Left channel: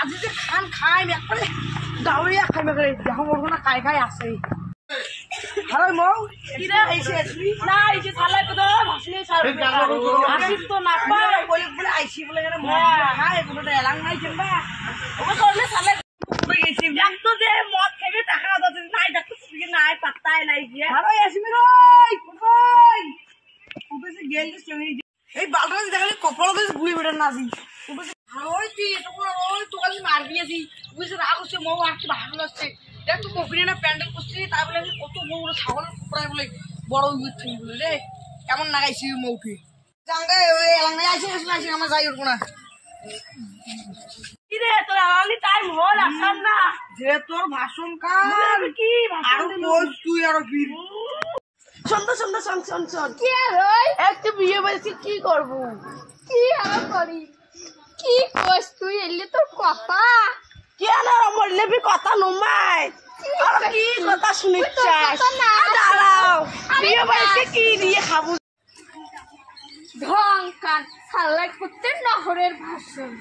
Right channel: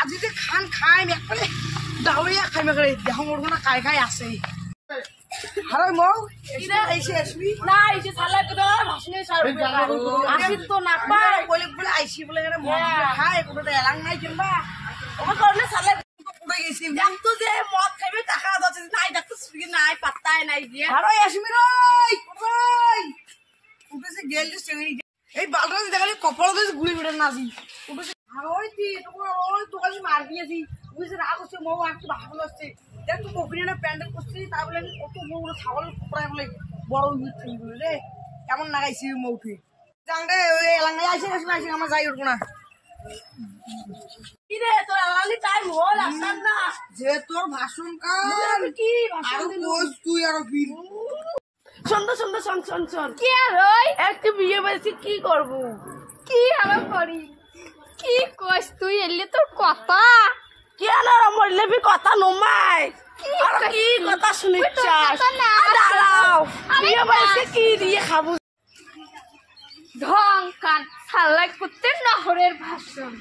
আজি যে খান খাই একবারে দাউরিয়া খাই মেঘরে দেখো মোর না খাই খাই আছে হ্যালো মৌ কিরে আইছি আসবি না আইছি শালা কত ভাষণে ছাড়বে আসি তো না পাই বলে বলে আইছি বলে এখানে মদ খাই কোনটা এলাং নাই কিনবা ও করলে শালা পুরো গেছি দেখ তো যে মদ খাইবে টাকা দাও নাই দেখো সুবি নাই পাত্তাই নাই দিয়া হ্যালো আসবি রই কই উঠেছে গেল যে এই বালটা দেখালি কপালে ঘুরে বেড়ে নাজি উঠেছে ওই তুই ওই তো কাছে মার দিয়েছি বুঝে রাগ হচ্ছে মৌ আর কি ভালো লাগছে দেখ তো কপিনে না প্যান্ডেল করছি তাই বলে আমি কত বড় ছাগল প্রায় বলে বড় উঠছি বলে রে কেমন নাগাইছি মৌটি জাঙ্গে ওই এলাঙ্গাই আসে আসে আমার যাই উঠবো না কি রে তোর আলালি টাইম হল আসার না যে তোর ভাষণ কার কি ভাষণ দিস তুই আর কি শোন কি আর ওই একটু বিয়ে বলছি কি করব কি আর করি কি কইস তুই এলি তোর কথা কি আনা মরলে বি কথা নমাই কি কথা শুনিছাস দাঁড়াও বিয়ে বলছি কি দিয়ে খাবো ঢং কান সালাই করতে নহরের ভাষণ